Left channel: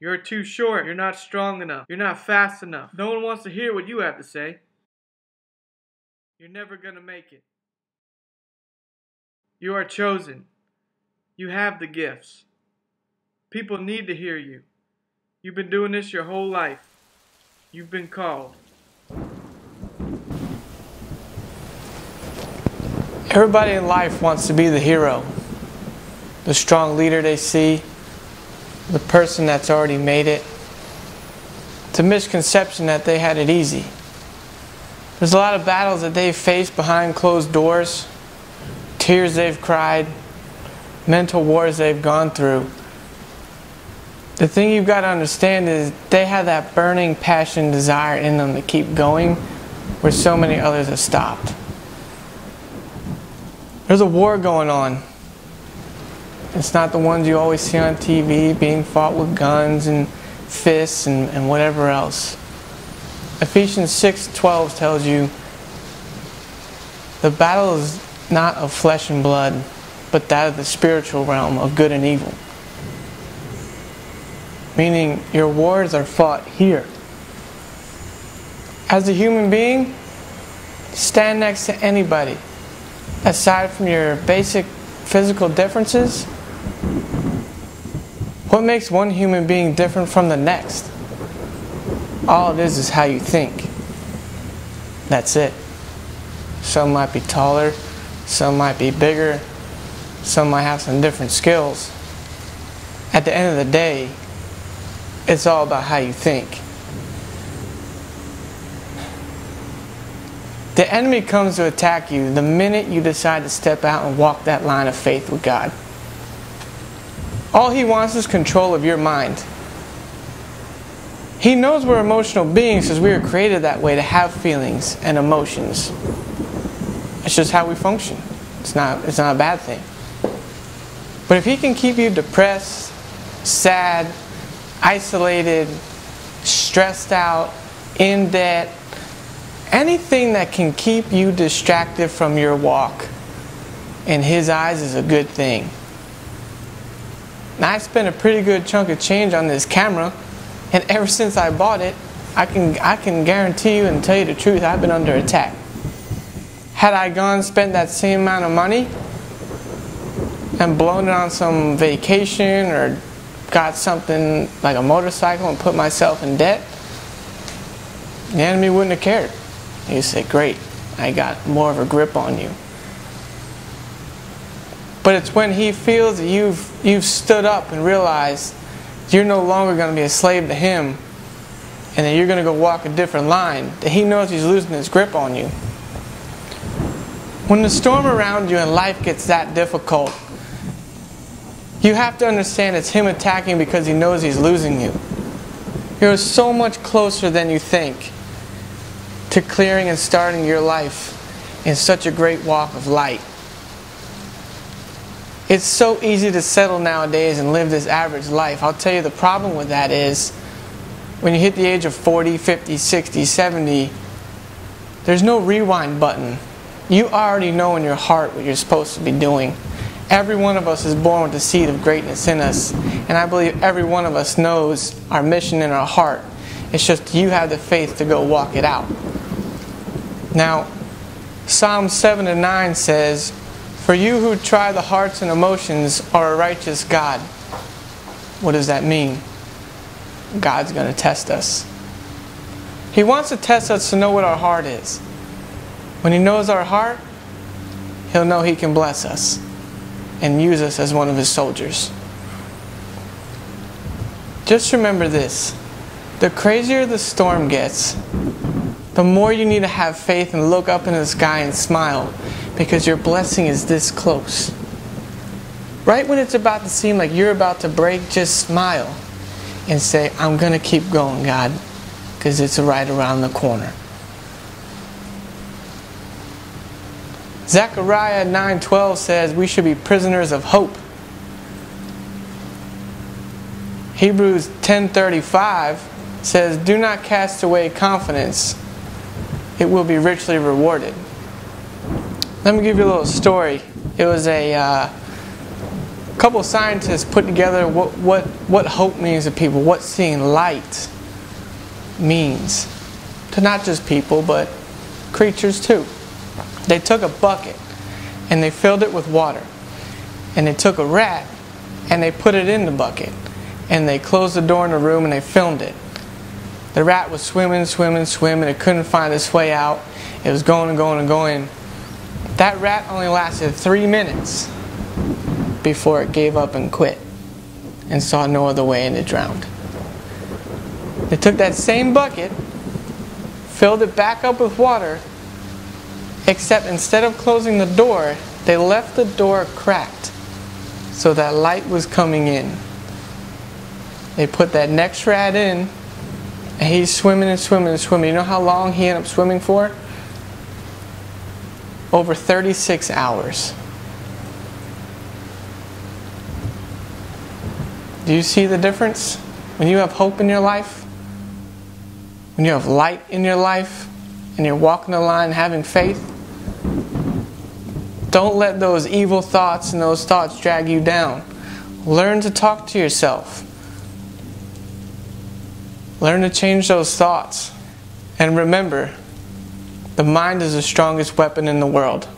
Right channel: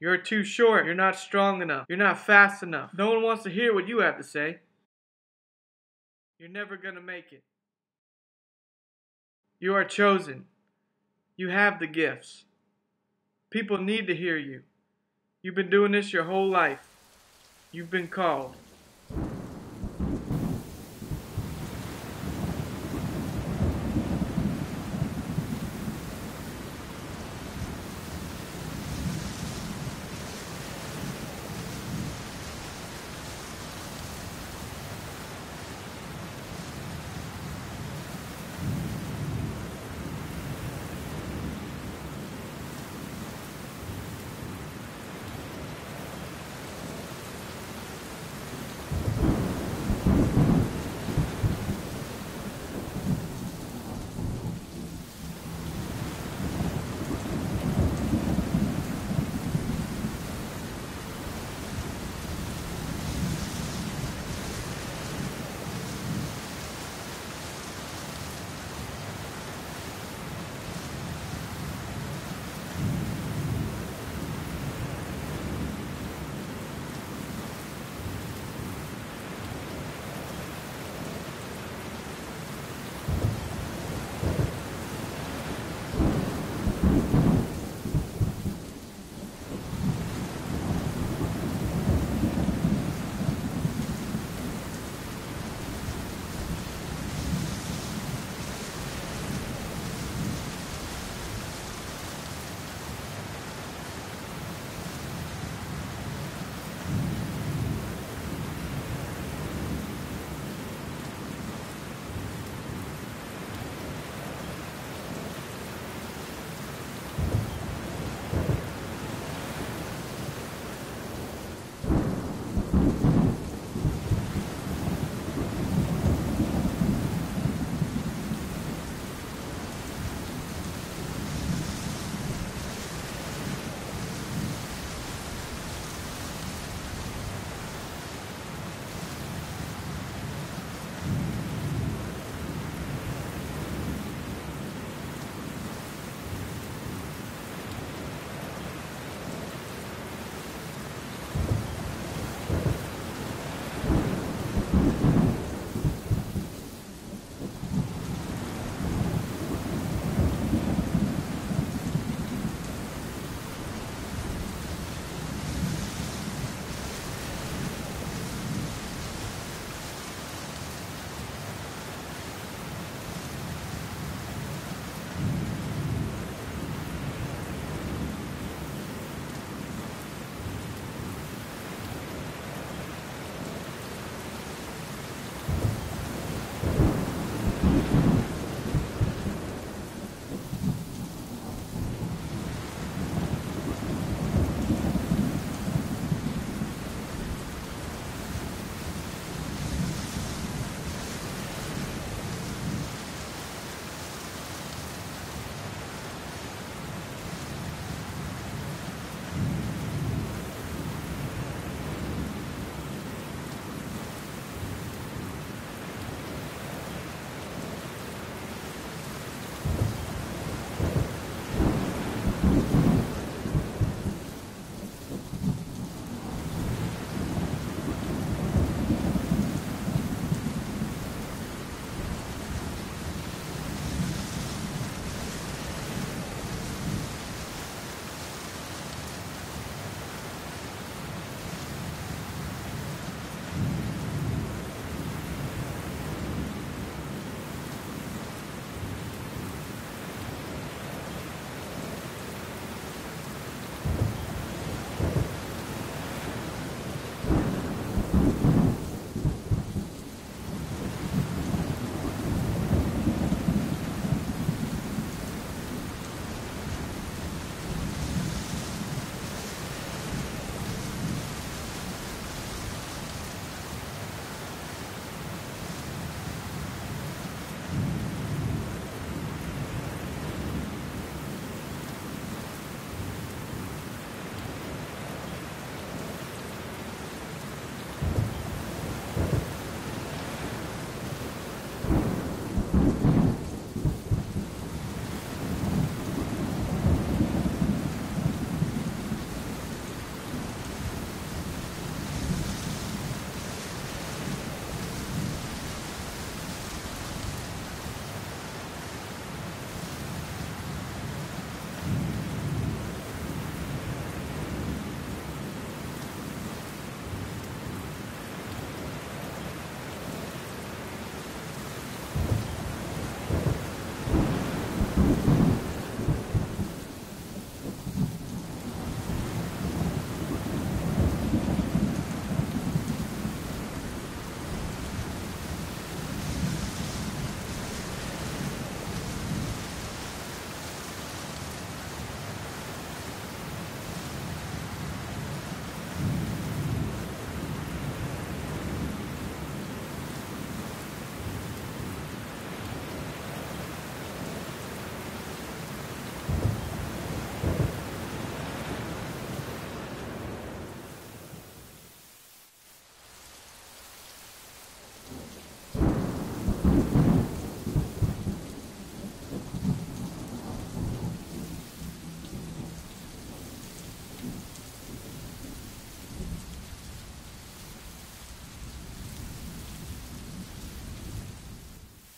You're too short. You're not strong enough. You're not fast enough. No one wants to hear what you have to say. You're never gonna make it. You are chosen. You have the gifts. People need to hear you. You've been doing this your whole life. You've been called. Everybody in life wants to be the hero, the strong leader they see, the person that's already made it. It's a misconception that they had it easy. There's a lot of battles that they've faced behind closed doors, tears they've cried, mental wars they've gone through. The thing you've got to understand is they have that burning passion, desire in them to keep going where so many others have stopped. There's a war going on. It's not the ones you always see on TV being fought with guns and fists and whatever else. Ephesians 6:12 tells you the battle is not of flesh and blood, but that of the spiritual realm of good and evil. Meaning your wars are fought here. As a human being, stand next to anybody. Aside from your basic physical differences, what makes one human being different from the next? All it is how you think. That's it. Some might be taller, some might be bigger, some might have some different skills. At the end of the day, it's all about how you think. The enemy comes to attack you the minute you decide to step out and walk that line of faith with God. All he wants is control of your mind. He knows we're emotional beings because we were created that way, to have feelings and emotions. It's just how we function. It's not a bad thing. But if he can keep you depressed, sad, isolated, stressed out, in debt, anything that can keep you distracted from your walk, in his eyes, is a good thing. Now, I spent a pretty good chunk of change on this camera, and ever since I bought it, I can guarantee you and tell you the truth, I've been under attack. Had I gone and spent that same amount of money and blown it on some vacation or got something like a motorcycle and put myself in debt, the enemy wouldn't have cared. He'd say, great, I got more of a grip on you. But it's when he feels that you've stood up and realized you're no longer going to be a slave to him and that you're going to go walk a different line, that he knows he's losing his grip on you. When the storm around you and life gets that difficult, you have to understand it's him attacking because he knows he's losing you. You're so much closer than you think to clearing and starting your life in such a great walk of light. It's so easy to settle nowadays and live this average life. I'll tell you the problem with that is when you hit the age of 40, 50, 60, 70, there's no rewind button. You already know in your heart what you're supposed to be doing. Every one of us is born with the seed of greatness in us. And I believe every one of us knows our mission in our heart. It's just you have the faith to go walk it out. Now, Psalm 7:9 says, "For you who try the hearts and emotions are a righteous God." What does that mean? God's going to test us. He wants to test us to know what our heart is. When he knows our heart, he'll know he can bless us and use us as one of his soldiers. Just remember this. The crazier the storm gets, the more you need to have faith and look up into the sky and smile, because your blessing is this close. Right when it's about to seem like you're about to break, just smile and say, I'm going to keep going, God, because it's right around the corner. Zechariah 9:12 says we should be prisoners of hope. Hebrews 10:35 says, do not cast away confidence. It will be richly rewarded. Let me give you a little story. It was a A couple of scientists put together what hope means to people, what seeing light means to not just people, but creatures too. They took a bucket and they filled it with water. And they took a rat and they put it in the bucket. And they closed the door in the room and they filmed it. The rat was swimming, swimming, swimming. It couldn't find its way out. It was going and going and going. That rat only lasted 3 minutes before it gave up and quit and saw no other way and it drowned. They took that same bucket, filled it back up with water, except instead of closing the door, they left the door cracked so that light was coming in. They put that next rat in, and he's swimming and swimming and swimming. You know how long he ended up swimming for? Over 36 hours. Do you see the difference? When you have hope in your life, when you have light in your life, and you're walking the line having faith, don't let those evil thoughts and those thoughts drag you down. Learn to talk to yourself. Learn to change those thoughts. And remember, the mind is the strongest weapon in the world.